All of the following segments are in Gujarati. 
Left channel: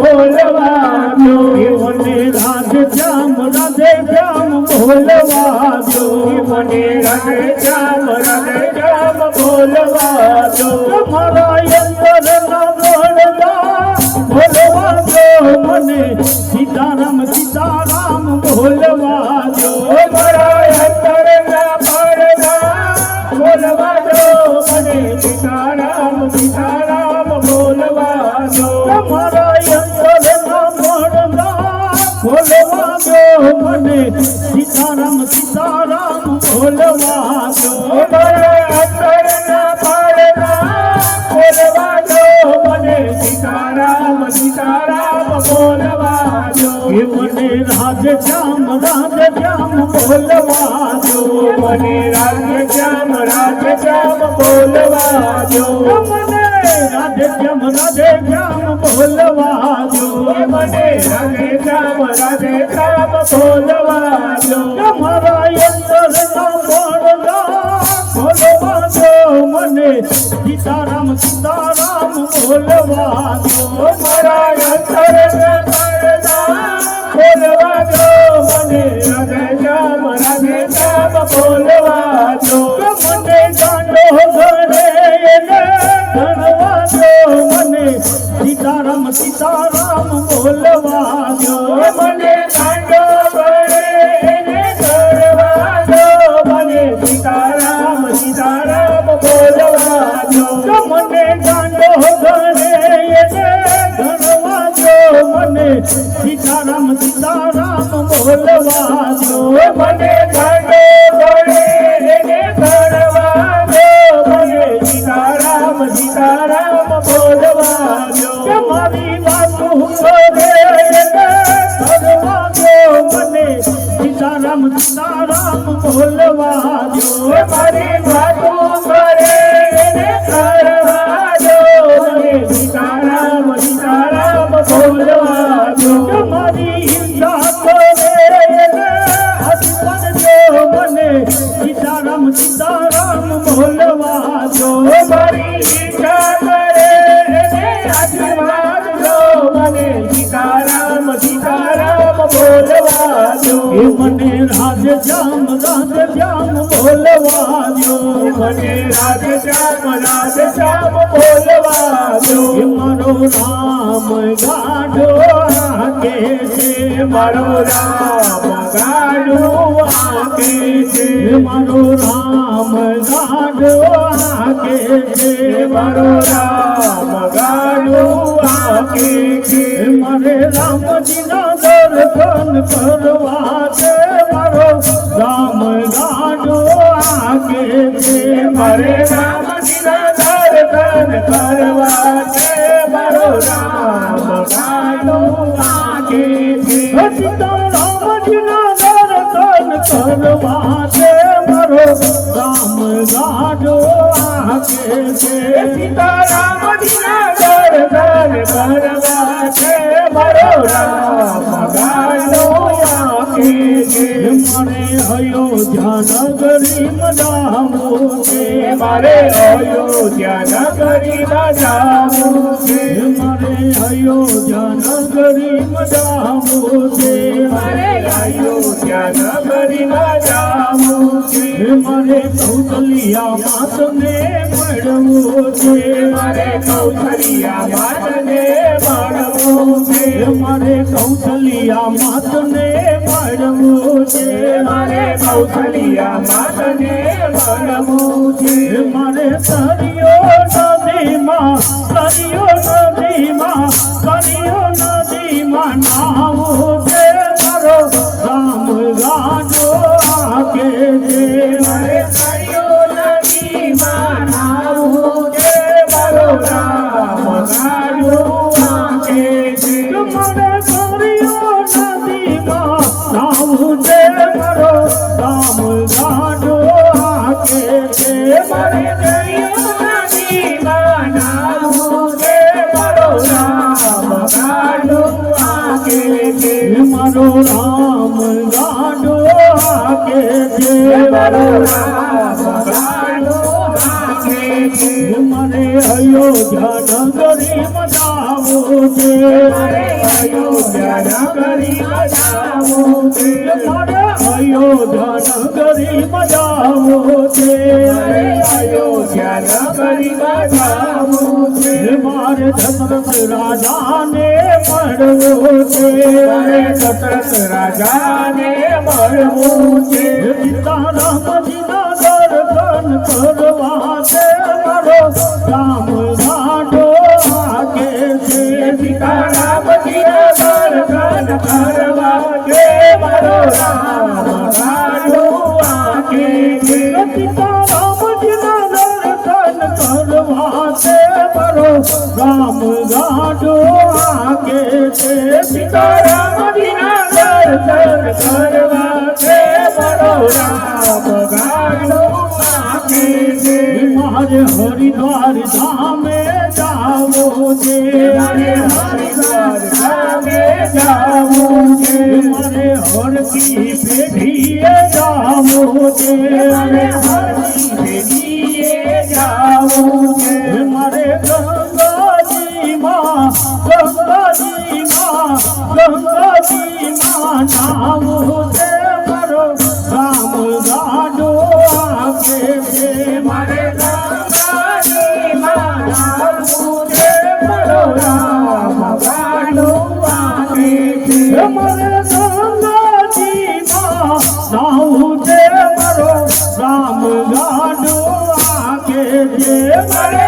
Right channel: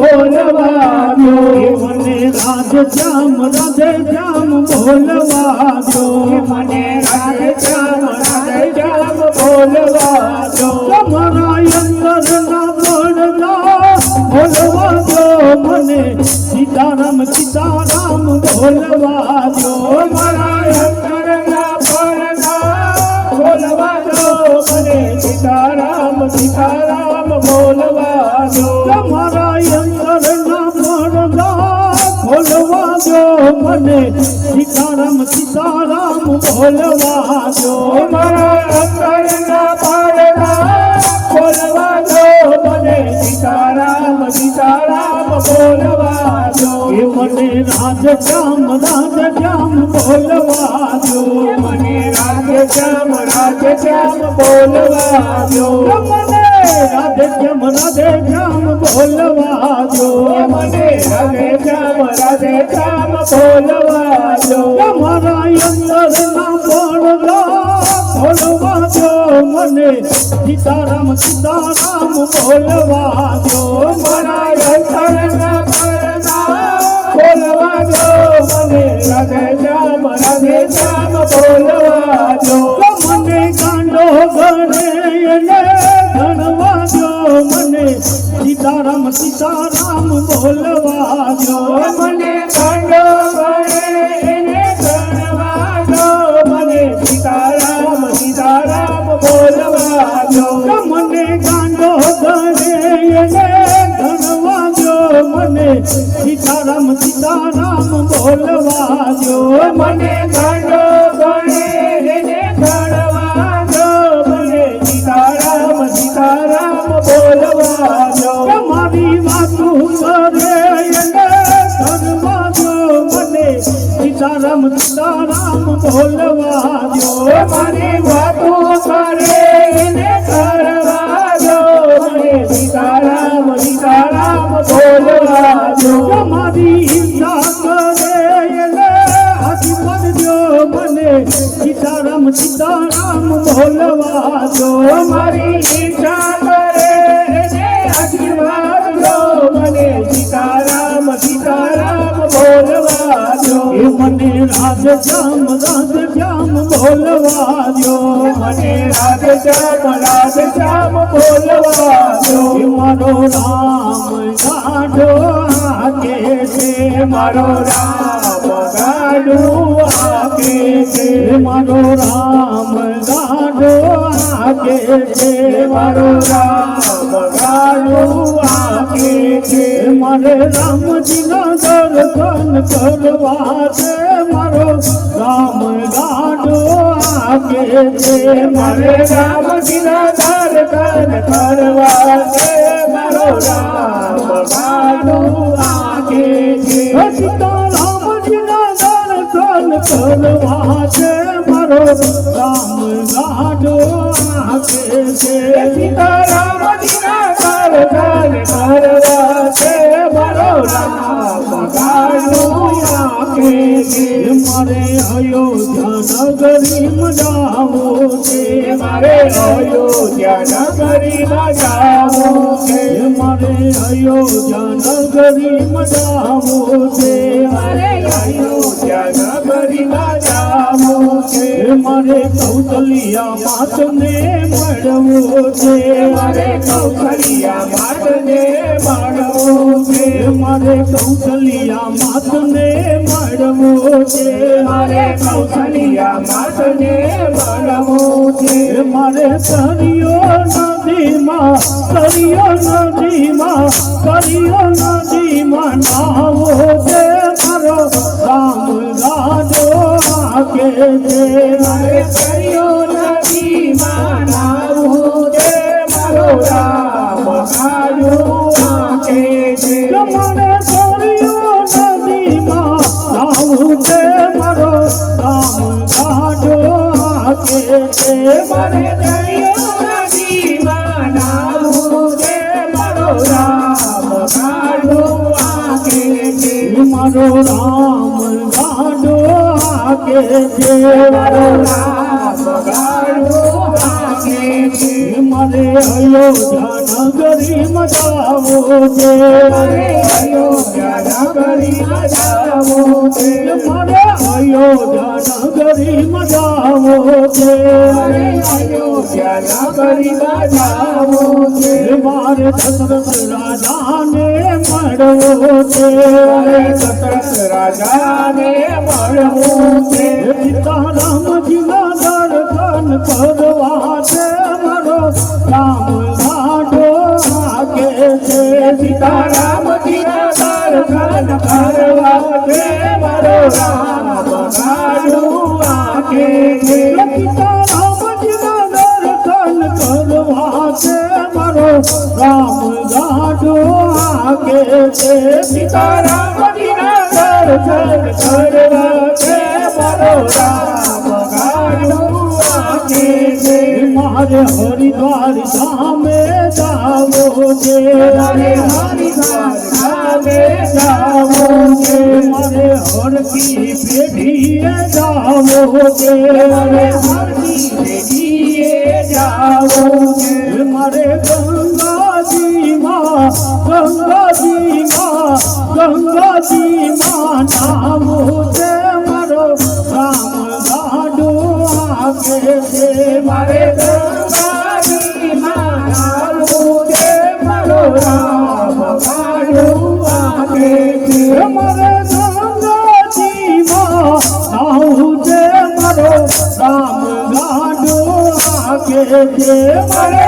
બોલવા દો મને રાધે શ્યામ બોલવા દો મને રાધે શ્યામ બોલવા દો તમારા અંતરના પડદા બોલવા દો મને સીતારામ સીતારામ બોલવા દો મારા અંતરના પડદા બોલવા દો મને સીતારામ સીતારામ બોલવા દો તમારા અંતરના પડદા બોલવા દો મને સીતારામ સીતારામ બોલવા દો મારા અંતરના પડદા બોલવા દો મને સીતારામ સીતારામ બોલવા દો મને રાધે શ્યામ બોલવા દો મને રાધે શ્યામ બોલવા દો મને રાધે શ્યામ બોલવા દો મને રાધે શ્યામ બોલવા દો મારા અંતરના પડદા બોલવા દો મને સીતારામ સીતારામ બોલવા દો મારા અંતરના પડદા બોલવા દો મને રાધે શ્યામ બોલવા દો મને ગાંડો ઘરે એને ગણવા દો મને સીતારામ સીતારામ બોલવા દો મને ગાંડો ઘરે એને ગણવા દો મને સીતારામ સીતારામ બોલવા દો મને ગાંડો ઘરે એને ગણવા દો મને સીતારામ સીતારામ બોલવા દો મને ગાંડો ઘરે એને ગણવા દો મને સીતારામ સીતારામ બોલવા દો મારી વાતો કરે એને કરવા દો મને સીતારામ સીતારામ બોલવા દો મારી વાતો કરે એને કરવા દો મને સીતારામ સીતારામ બોલવા દો મારી ઈચ્છા કરે એને હાથી બનજો મને સીતારામ સીતારામ બોલવા દો મારી ઈચ્છા કરે એને હાથી બનજો મને સીતારામ સીતારામ બોલવા દો મને રાધે શ્યામ બોલવા દો મને રાધે શ્યામ બોલવા દો મારો રામ ગાઢો આકે છે મારો રામ ગાઢો આકે છે મારો રામ ગાઢો આકે છે મારો રામ ગાઢો આકે છે મારે રામજીના દર્શન કરવા છે મારો રામ ગાઢો આકે છે મારે રામજીના દર્શન કરવા છે મારો રામ ગાઢો આકે છે સીતારામજીના દર્શન કરવા છે મારો રામ ગાઢો આકે છે સીતારામજીના દર્શન કરવા છે મારો રામ ગાઢો આકે છે મારે અયોધ્યા નગરી મનાવું છે મારે અયોધ્યા નગરી મનાવું છે મારે અયોધ્યા નગરી મનાવું છે મારે અયોધ્યા નગરી મનાવું છે મારે કૌશલ્યા માતને મળવું છે મારે કૌશલ્યા માતને મળવું છે મારે કૌશલ્યા માતને મળવું છે મારે કૌશલ્યા માતને મળવું છે મારે સરિયો નદીમાં નાવું છે મારો રામ ગાઢો આકે છે મારે સરિયો નદીમાં નાવું છે મારો રામ ગાઢો આકે છે મારે સરિયો નદીમાં નાવું છે મારો રામ ગાઢો આકે છે મારે સરિયો નદીમાં નાવું છે મારો રામ ગાઢો આકે છે મારો રામ ગાઢો આકે છે મારો રામ ગાઢો આકે છે મારે અયોધ્યા નગરીમાં જાવું છે મારે અયોધ્યા નગરીમાં જાવું છે મારે અયોધ્યા નગરીમાં જાવું છે મારે અયોધ્યા નગરીમાં જાવું છે મારે દશરથ રાજાને મળવું છે મારે દશરથ રાજાને મળવું છે સીતારામજીના દર્શન કરવા છે મારો રામ ગાંઠો વાગે છે સીતારામજીના દર્શન કરવા છે મારો રામ ગાંઠો વાગે છે સીતારામજીના દર્શન કરવા છે મારો રામ ગાંઠો વાગે છે સીતારામજીના દર્શન કરવા છે મારો રામ ગાંઠો વાગે છે મારે હરિદ્વાર ધામે જાવું છે મારે હરિદ્વાર ધામે જાવું છે મારે હરકી પેઢીએ જાવું છે મારે હરકી પેઢીએ જાવું છે મારે ગંગાજીમાં નાવું છે મારો રામ ગાંઠો વાગે છે મારે ગંગાજીમાં નાવું છે મારો રામ ગાંઠો વાગે છે મારે ગંગાજીમાં નાવું છે મારો રામ ગાંઠો વાગે છે મારે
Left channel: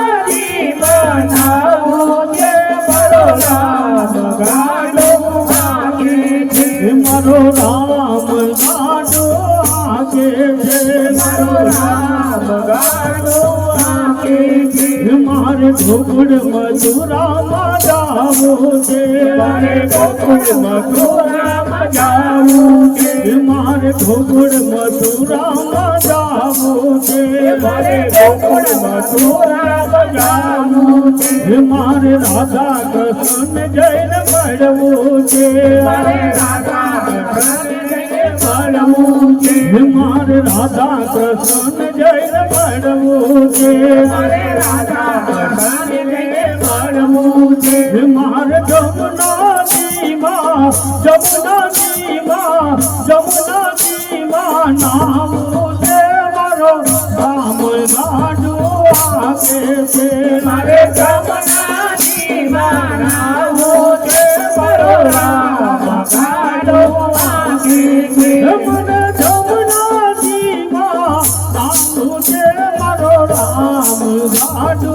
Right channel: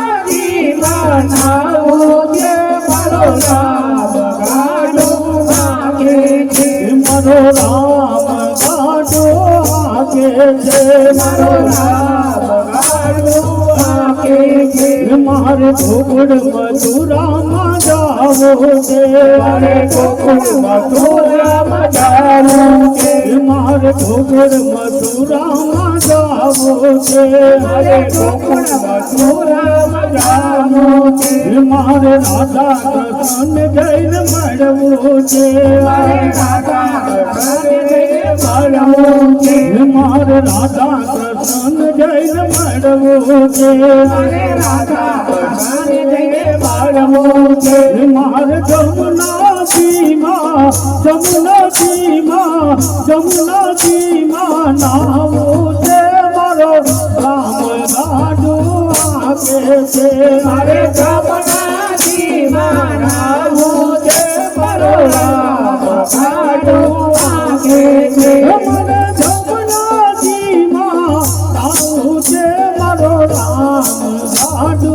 ગંગાજીમાં નાવું છે મારો રામ ગાંઠો વાગે છે મારો રામ ગાંઠો વાગે છે મારો રામ ગાંઠો વાગે છે મારે ગોકુળ મથુરામાં જાવું છે મારે ગોકુળ મથુરામાં જાવું છે મારે ગોકુળ મથુરામાં જાવું છે મારે ગોકુળ મથુરામાં જાવું છે મારે રાધા કૃષ્ણ જઈને મળવું છે મારે રાધા કૃષ્ણ જઈને મળવું છે મારે રાધા કૃષ્ણ જઈને મળવું છે મારે રાધા કૃષ્ણ જઈને મળવું છે મારે જમુનાજીમાં નાવું છે મારો રામ ગાંઠો વાગે છે મારે જમુનાજીમાં નાવું છે મારો રામ ગાંઠો વાગે છે મારે જમુનાજીમાં નાવું છે મારો રામ ગાંઠો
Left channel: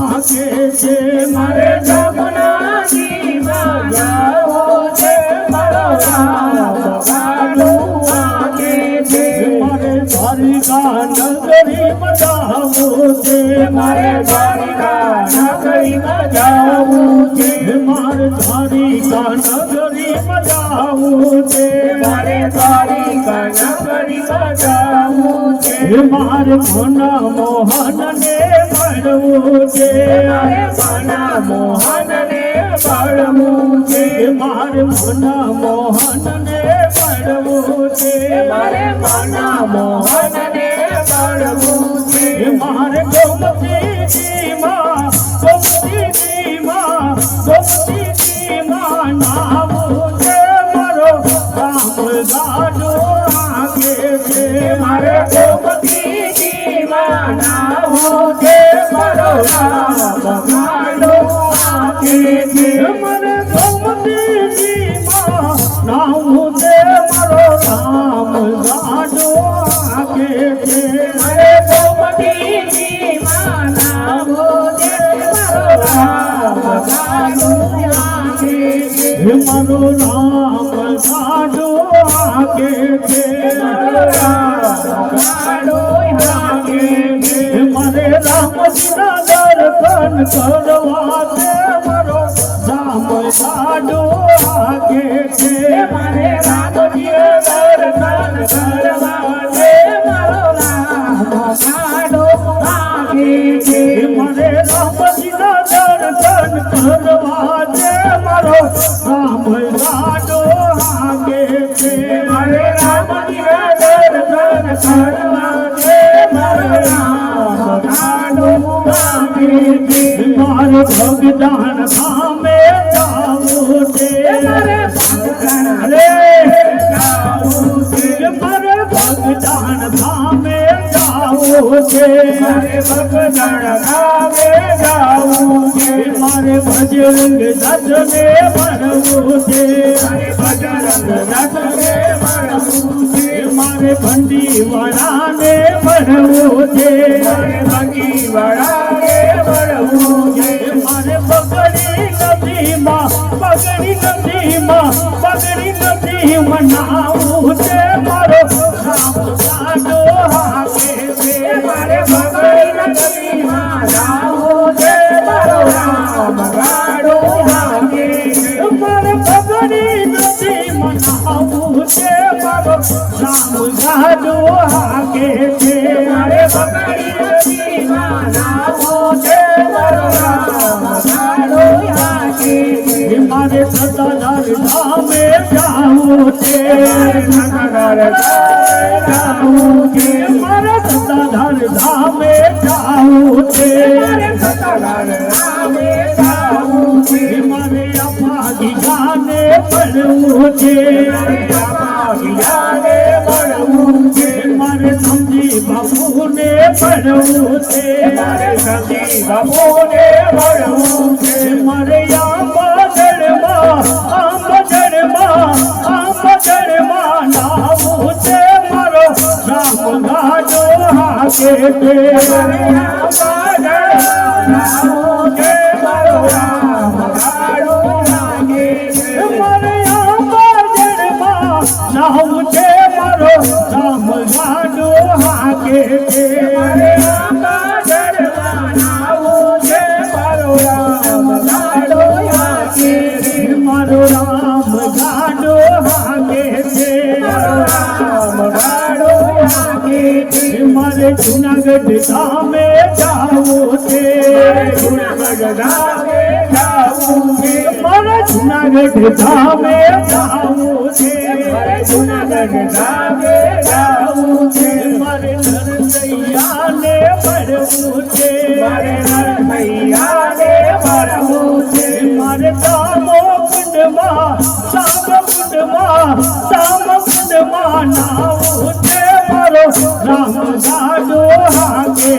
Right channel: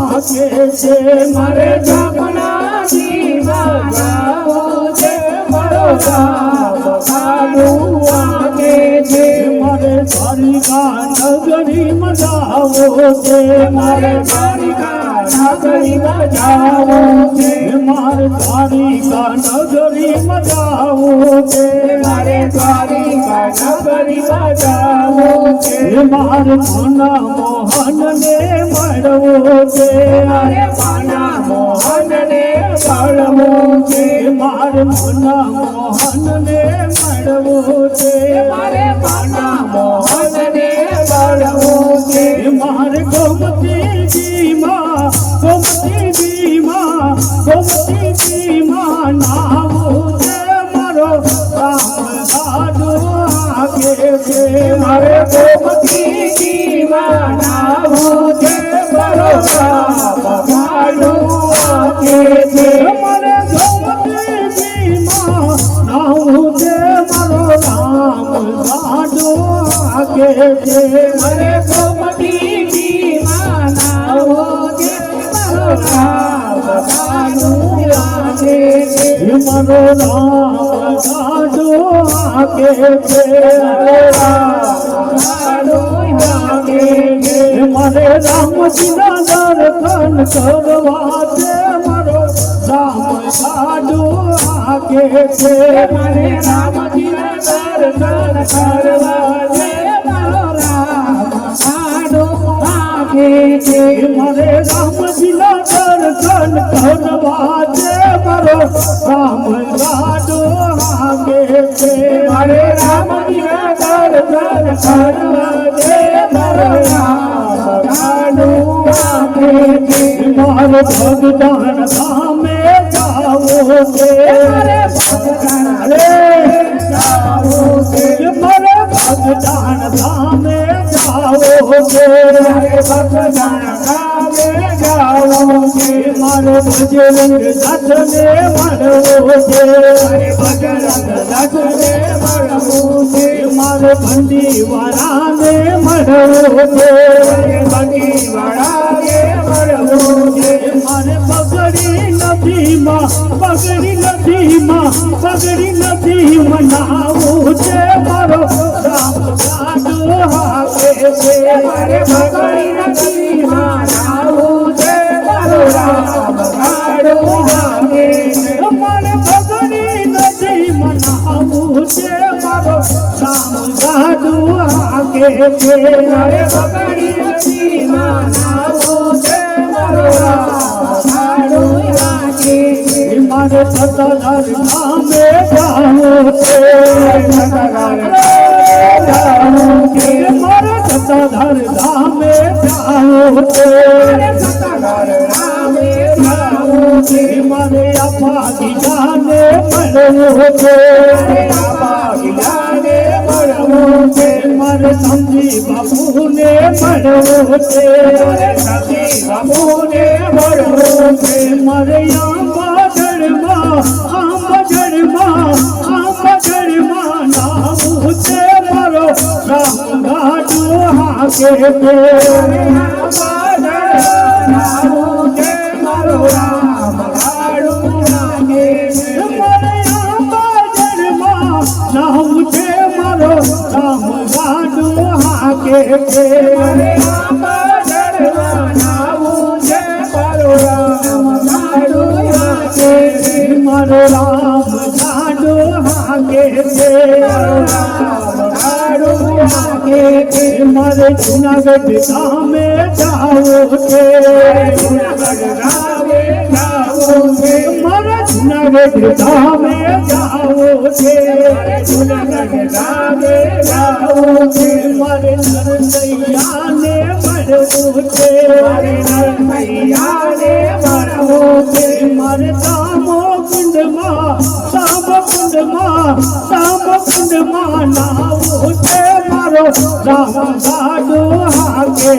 વાગે છે મારે જમુનાજીમાં નાવું છે મારો રામ ગાંઠો વાગે છે મારે દ્વારિકા નગરીમાં જાવું છે મારે દ્વારિકા નગરીમાં જાવું છે મારે દ્વારિકા નગરીમાં જાવું છે મારે દ્વારિકા નગરીમાં જાવું છે મારે મના મોહનને મળવું છે મારે મના મોહનને મળવું છે મારે મના મોહનને મળવું છે મારે મના મોહનને મળવું છે મારે ગોમતીજીમાં નાવું છે મારો રામ ગાંઠો વાગે છે મારે ગોમતીજીમાં નાવું છે મારો રામ ગાંઠો વાગે છે મારે ગોમતીજીમાં નાવું છે મારો રામ ગાંઠો વાગે છે મારે ગોમતીજીમાં નાવું છે મારો રામ ગાંઠો વાગે છે મારો રામ ગાંઠો વાગે છે મારો રામ ગાંઠો વાગે છે મારે રામજીના દર્શન કરવા છે મારો રામ ગાંઠો વાગે છે મારે રામજીના દર્શન કરવા છે મારો રામ ગાંઠો વાગે છે મારે રામજીના દર્શન કરવા છે મારો રામ ગાંઠો વાગે છે મારે રામજીના દર્શન કરવા છે મારો રામ મારે ભગદાન ધામે જાવું છે મારે ભગદાન ધામે જાવું છે મારે બજરંગ નાથને મળવું છે મારે ભંડી વાળાને મળવું છે મારે પગડી નથી મનાવું છે મારો રામ સાજો હાકે છે મારે પગડી નથી મનાવું છે મારો રામ ગાડો હાકે મારે પગડી નથી મનાવું છે મારો રામ સાજો હાકે છે મારે પગડી નથી મનાવું છે મારો રામ ગાડો હાકે મારે સતાધાર ધામે જાવું છે મારે સતાધાર ધામે જાવું છે મારે આપા ગીજાને મળવું છે મારે સમજી બાપુને મળવું છે મારે આંબા જળમાં નાવું છે મારો રામ ગાડો હાકે નાવું છે મારો રામ ગાડો હાકે મારો રામ ગાડો હાકે મારે જુનાગઢ ધામે જાવું છે મારે જુનાગઢ ધામે જાવું છે મારે નરસૈયાને મળવું છે મારે દામો કુંડમાં નાવું છે મારો રામ ગાડો હાકે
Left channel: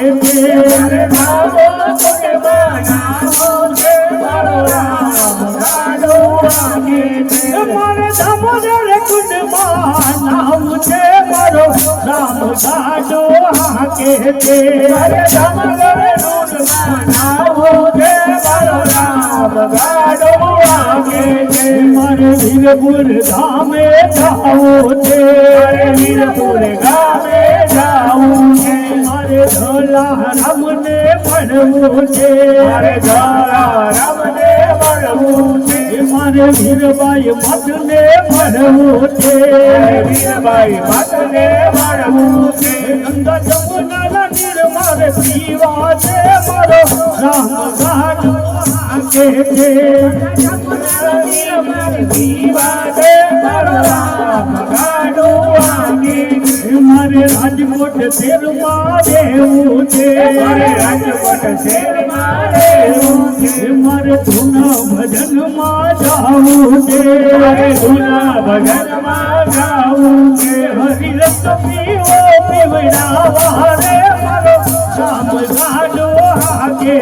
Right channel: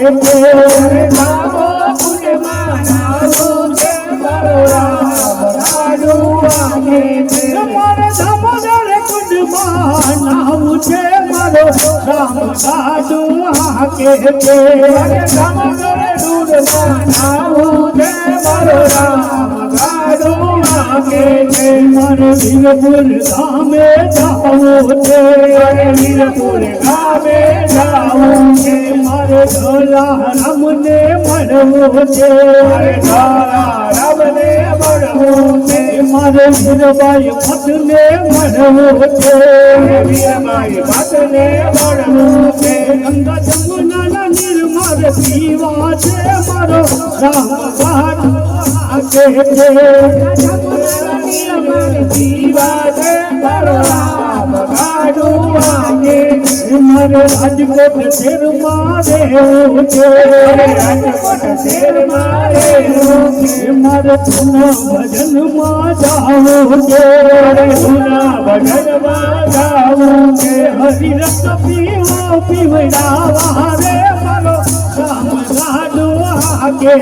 મારે દામોદર કુંડમાં નાવું છે મારો રામ ગાડો હાકે મારે વીરપુર ધામે જાવું છે મારે ધોલા રામને મળવું છે મારે વીરબાઈ ભટ્ટને મળવું છે ગંગા જમુનાના નીર મારે પીવા છે મારો રામ ગાડો હાકે મારે રાજકોટ શેરમાં રહેવું છે મારે જૂના ભજનમાં જાવું છે હરિરસ પીવો પીવડાવા રે મારો રામ ગાડો હાકે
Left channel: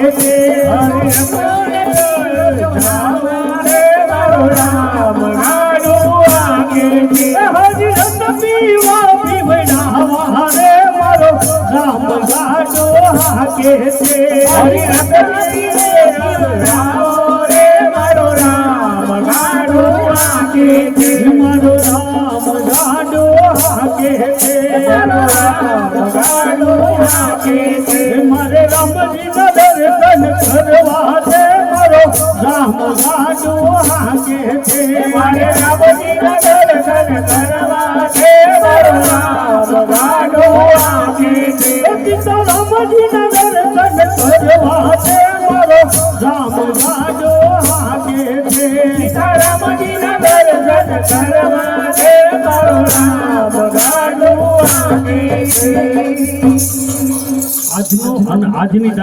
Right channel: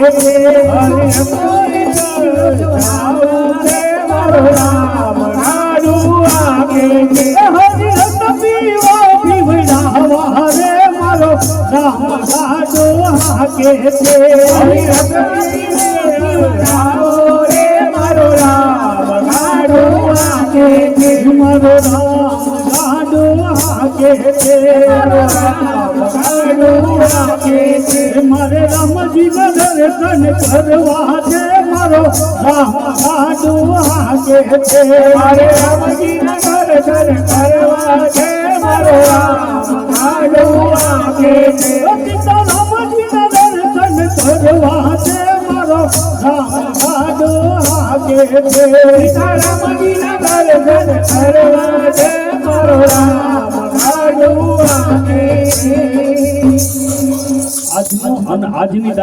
મારે રામજી ના દર્શન કરવા છે મારો રામ ગાડો હાકે છે મારે રામજી ના દર્શન કરવા છે મારો રામ ગાડો હાકે છે રામજી ના દર્શન કરવા છે મારો રામ ગાડો હાકે છે રામજી ના દર્શન કરવા છે મારો રામ ગાડો હાકે છે. આજની